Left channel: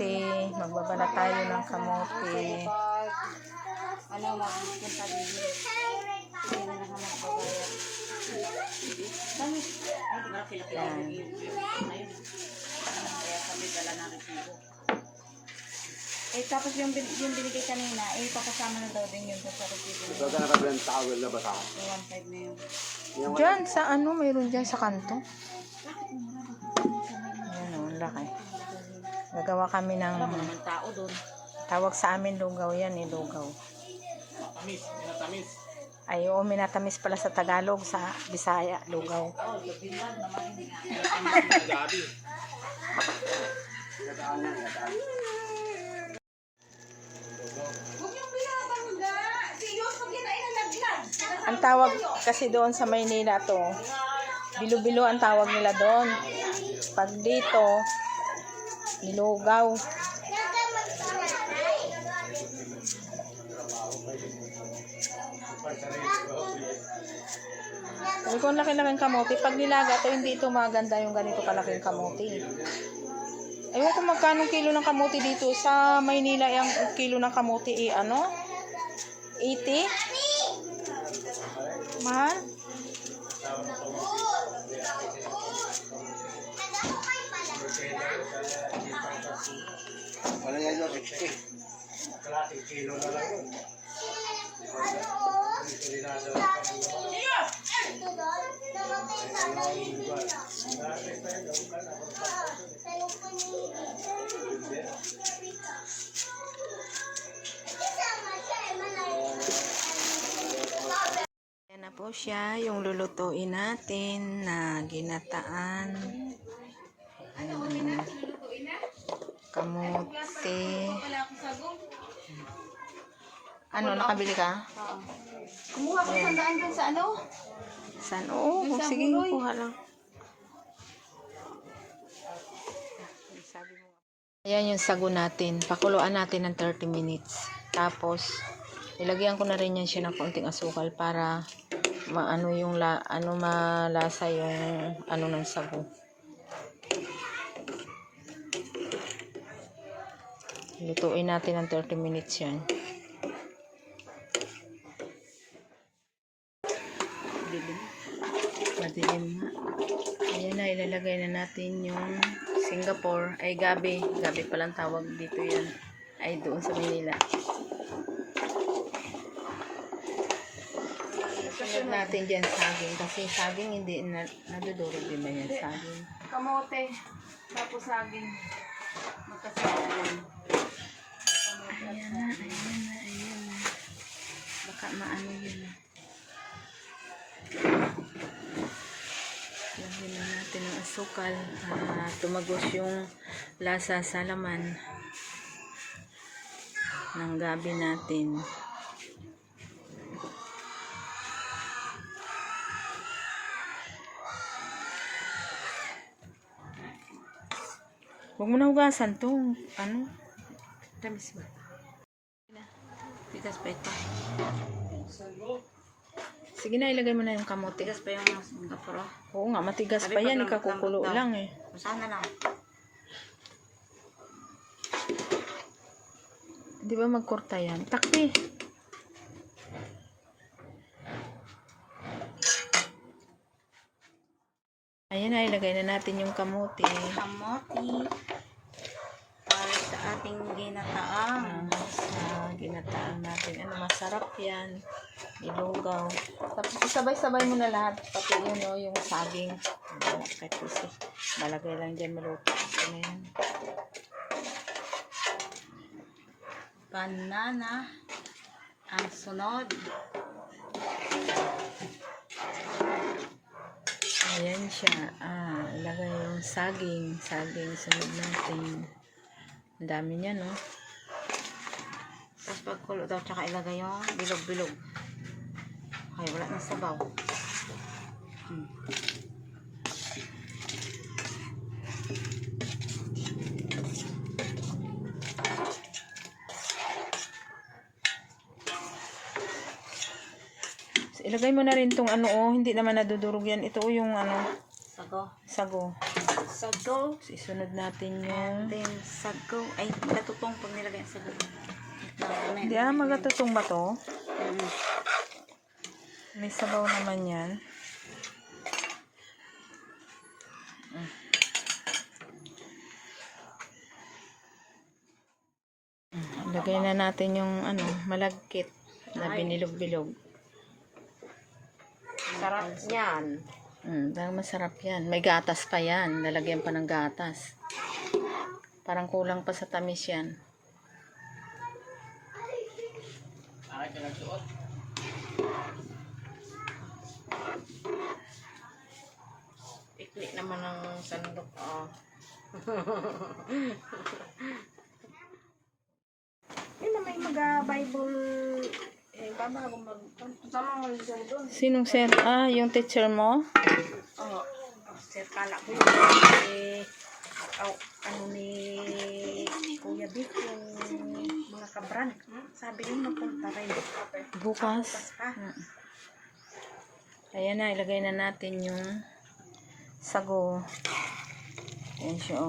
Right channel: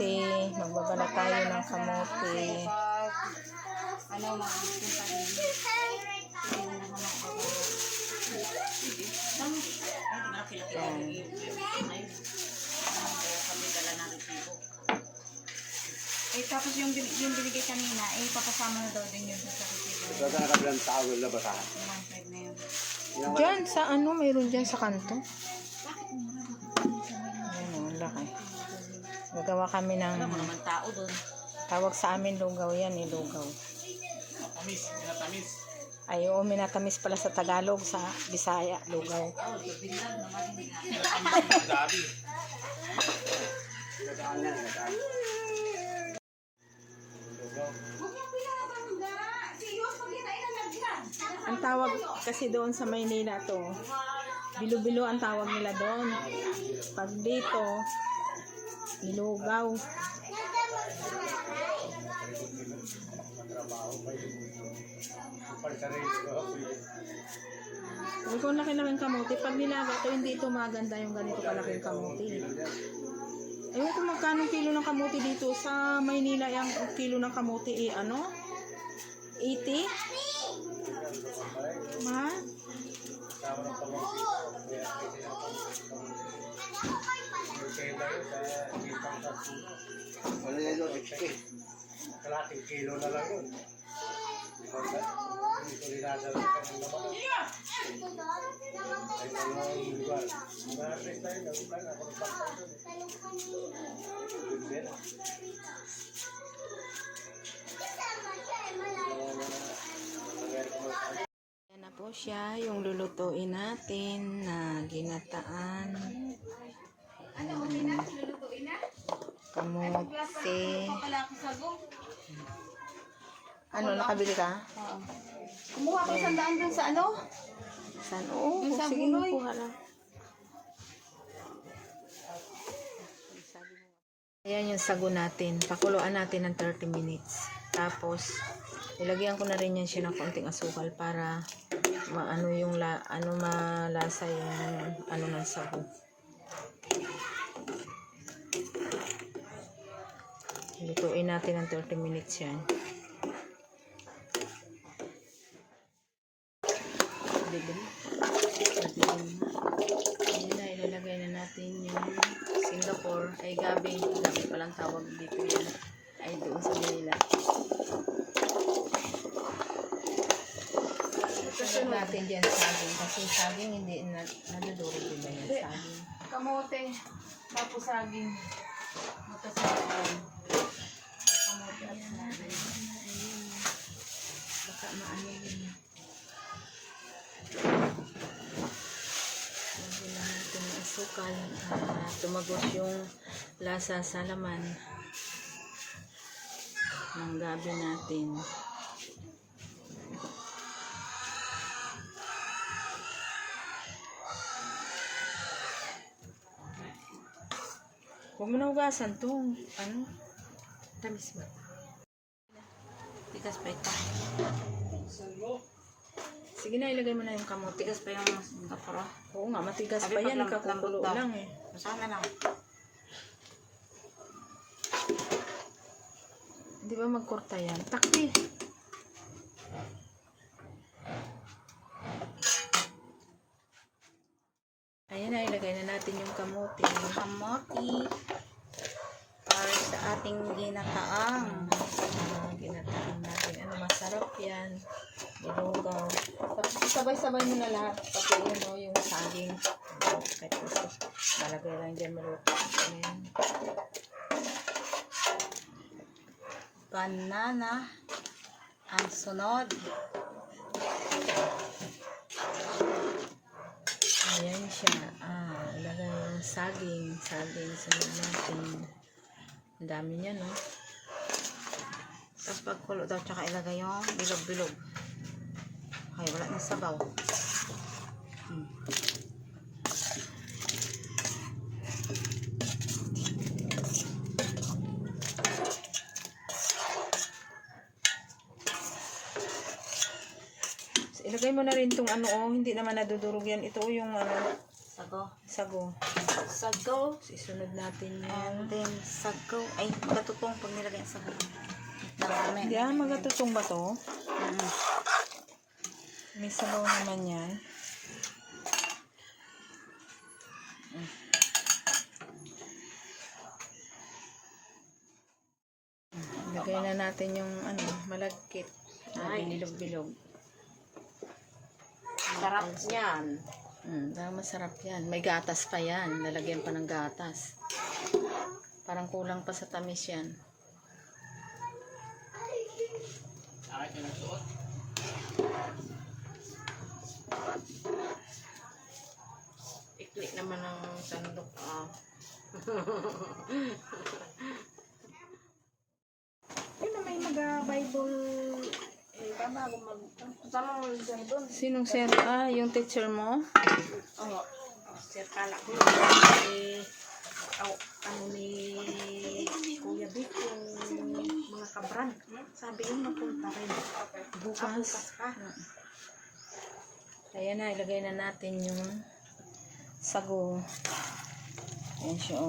kamote. Magbabala tayo ng kamote. Yan. Tapos yung binigay kanina, pakasama na daw din yun sa resibo. Ito na nakabilang towel na basahan. Ayan, 5 na yun. Diyan sa ano, mayroon dyan sa kanto. Ayan o, laki. Gagawa kami ng Tao dun. tawag sa amin lugaw yan eh, lugaw. Tamis, minatamis. Ay, oo, minatamis pala sa Tagalog, sa Bisaya, lugaw. Gabi. Gataan lang, gataan. Ang tawag kasi doon sa Maynila to, bilo-bilo ang tawag nila doon. Pag dito, nilugaw. Sabi ko, laki-laking kamote. Pag nilaga to, hindi ito maganda yung ganito kalaking kamote. Ewan ko magkano kilo ng kamote dito sa Maynila. Yung kilo ng kamote ano? 80? Mahal? Ano yan yun? 60. Kalating kilo na lang yun. Ito rinasa lang ka ng laman. Yan na po siya, yung lulutuin natin na ginataan. Kamote. Ano, nakabili ka? Oo. Kumuha ko sandaan dun sa ano? Saan? Oo, sige, kuha lang. Ayan yung sago natin. Pakuluan natin ng 30 minutes. Tapos, ilagyan ko na rin yan siya ng konting asukal para maano yung malasa yung ano ng sago. Lutuin natin ng 30 minutes yan. Ayan na, ilalagay na natin yung Singapore, ay gabi palang tawag dito yan, ay doon sa Manila. Isunod natin dyan saging, kasi saging hindi nadudurog din na yan, saging. Kamote. Tapos saging. Magkasama. Kamote at saging. Ayan. Baka maano yun. Lagyan na natin ng asukal. Tumagos yung lasa sa laman ng gabi natin. Huwag mo na hugasan to. Ano? Tamis ba? Tigas pa ito. Sige na, ilagay mo na yung kamote. Tigas pa yung Singapore. Oo nga, matigas Sabi pa yan. pag Ikakukulo lambot daw. lang eh. Sana lang. Di ba magkurta yan? Takpi. Ayan na, ilagay na natin yung kamote. Kamote. Para sa ating ginataang. Ginataan natin. Ano, masarap yan. Ilugaw. Tapos sabay-sabay mo na lahat. Pati yun, no, yung saging. Kahit gusto. Malagay lang dyan, maluto. Ayan. Banana. Ang sunod. Ayan siya. Ilagay yung saging. Saging, sunod natin. Ang dami niya, no? Tapos pagkulo daw, tsaka ilagay yung bilog-bilog. Ay, wala na sabaw. Ilagay mo na rin tong ano, oh, hindi naman nadudurog yan. Ito yung ano, Sago. sago. Sago. Isunod natin yung... And then, sago. Ay, katutong pag nilagay ang sago. Hindi magatutong ba to? Mm. May sabaw naman yan. Lagay na natin yung malagkit na binilog-bilog. Sarap niyan. Dahil masarap yan. May gatas pa yan. Lalagyan pa ng gatas. Parang kulang pa sa tamis yan. Ikli naman ang sandok. Yun na may mag-Bible. Babago mag... Sama mo doon. Sinong sir? Yung teacher mo? Oo. Sir, kala ko yun. Ano ni Kuya Vic, yung mga kabran. Sabi yun, napunta rin. Bukas. Bukas pa. Ayan na, ilagay na natin yung sago. Ayan siya,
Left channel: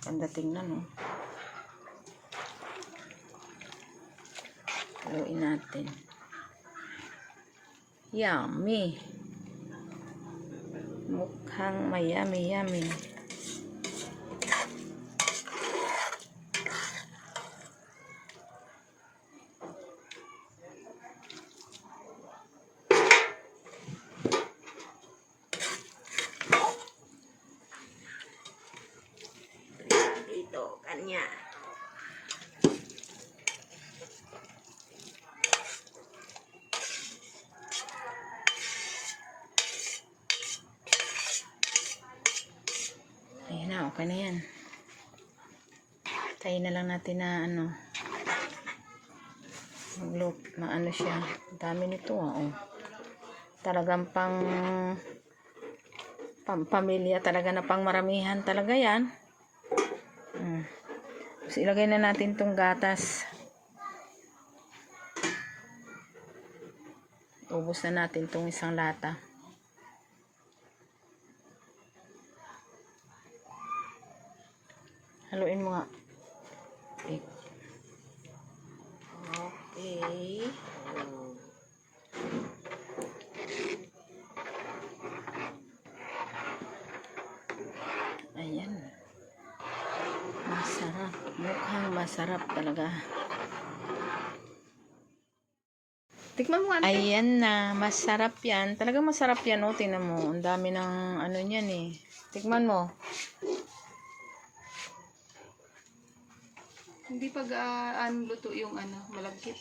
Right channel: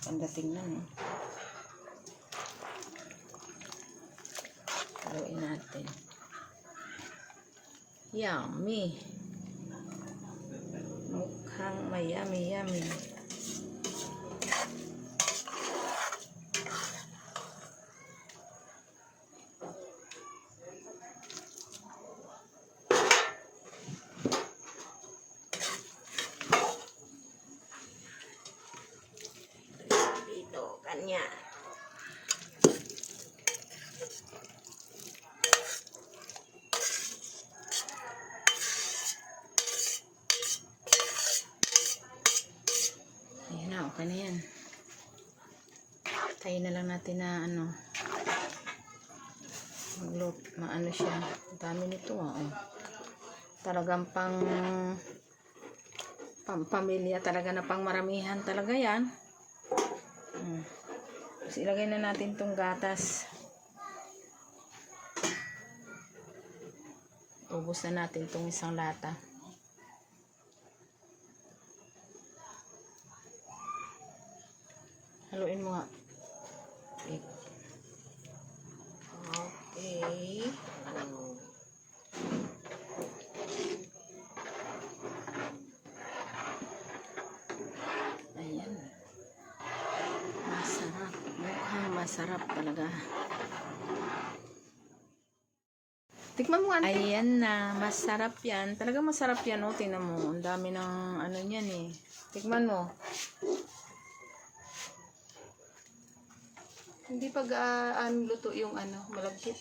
Ganda tingnan, Haluin natin. Yummy. Mukhang may yummy. Dito, kanya. Ayan na, okay na yan. Tayo na lang natin na maano siya. Dami nito, Talagang pamilya talaga na pang maramihan talaga yan. Tapos ilagay na natin tong gatas. Ubos na natin tong isang lata. Haluin mo nga. Okay. Ayan. Masarap. Mukhang masarap talaga. Tikman mo nga. Ayan na. Masarap yan. Talaga masarap yan, Tingnan mo. Ang dami ng niyan Tikman mo. Hindi pag luto yung malagkit.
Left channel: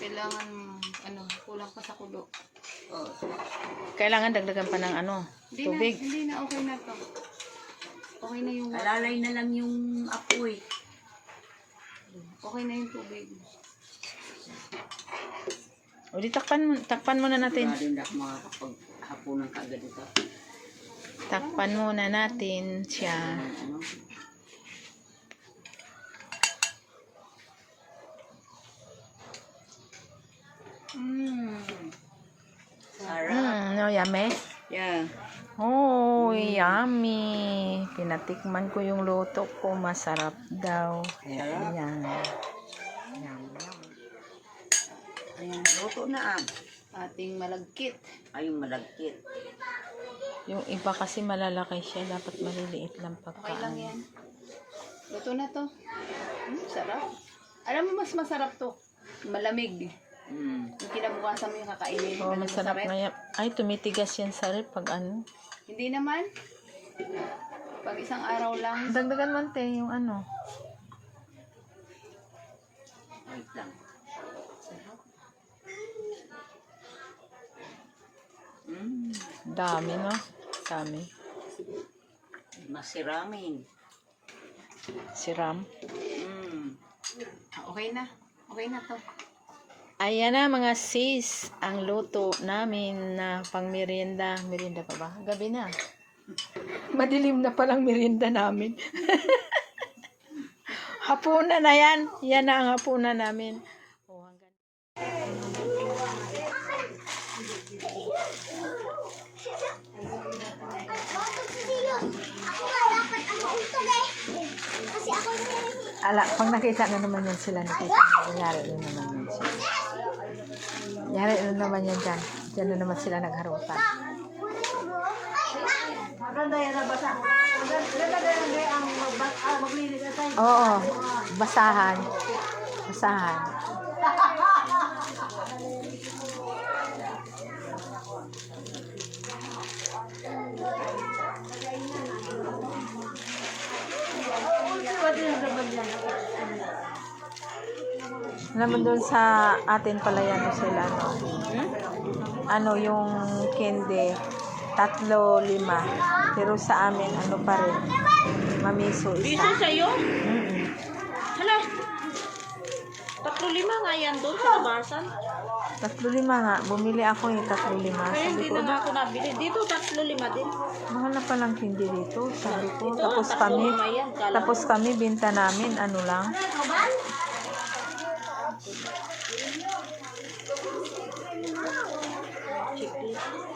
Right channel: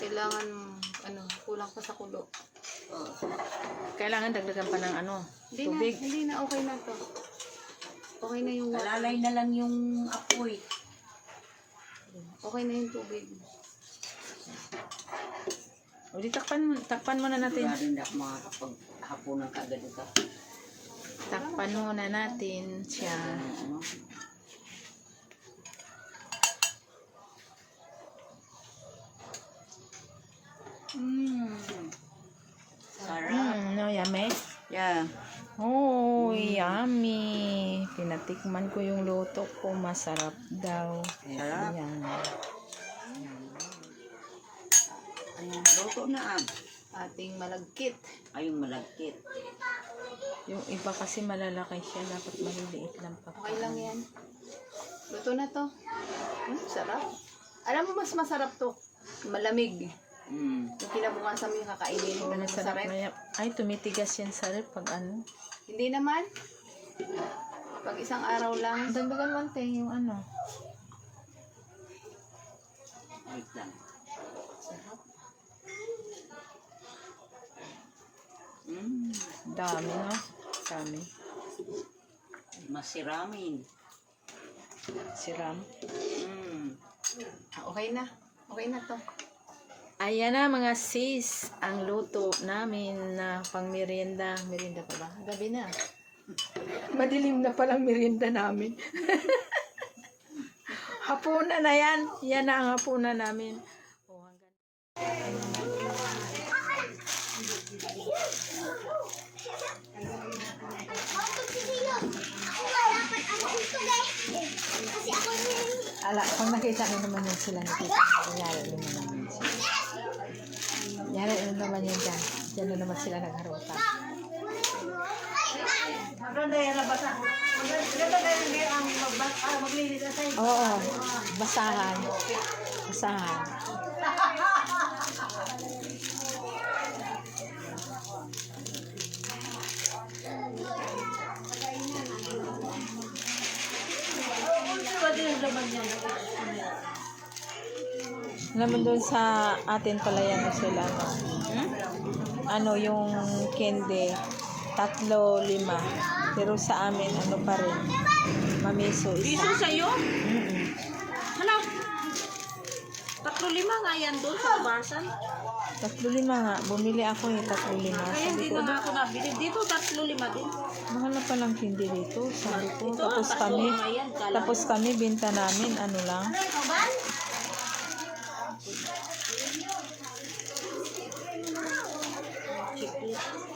Kailangan kulang pa sa kulo. Kailangan dagdagan pa ng tubig. Hindi na okay na to. Okay na yung Alalay na lang yung apoy. okay na yung tubig. O di takpan muna natin. Wala din ako makakapaghapunan ka agad ito. Takpan muna natin siya. Ano? Sarap. Yummy? Yeah. Oh, yummy. Pinatikman ko yung luto ko. Masarap daw. Sarap. Ayan. Ayan, luto na Ating malagkit. ay yung malagkit. Yung iba kasi malalaki siya. Dapat maliliit lang Okay lang pagkaan. yan. Luto na to. Sarap. Alam mo mas masarap to. Malamig. Yung kinabukasan mo yung kakainin. Oh, masarap na yan. Ay, tumitigas yan sa rep pag Hindi naman. Pag isang araw lang. Dagdagan mo yung Wait lang. Dami, no? Dami. Masiramin. Siram. Okay na. Okay na to. Ayan na mga sis, ang luto namin na pang merienda. Merienda pa ba? Gabi na. Madilim na palang merienda namin. Hapunan na yan. Yan na ang hapunan namin. Ala, pag nakita na naman yan sila ni Tita, yari na naman yan sila. Yari na naman yan dyan. Dyan na naman sila nagharutan. Oo, basahan. Basahan. Alam mo doon sa atin pala yan sila, no? Ano, yung kende, 3, 5. Pero sa amin, ano pa rin, mamiso isa. Piso sa'yo? Mm-mm. Hala. 3-5 nga yan doon sa Barsan. 3, 5 nga. Bumili ako 3, 5. Kaya Sabi hindi ko, na nga ako nabili. Dito 3-5 din. mahal na palang hindi dito. Sabi ko, Ito, tapos 3-5 kami, yan. Kala tapos kami, binta namin, ano lang. Chiclet.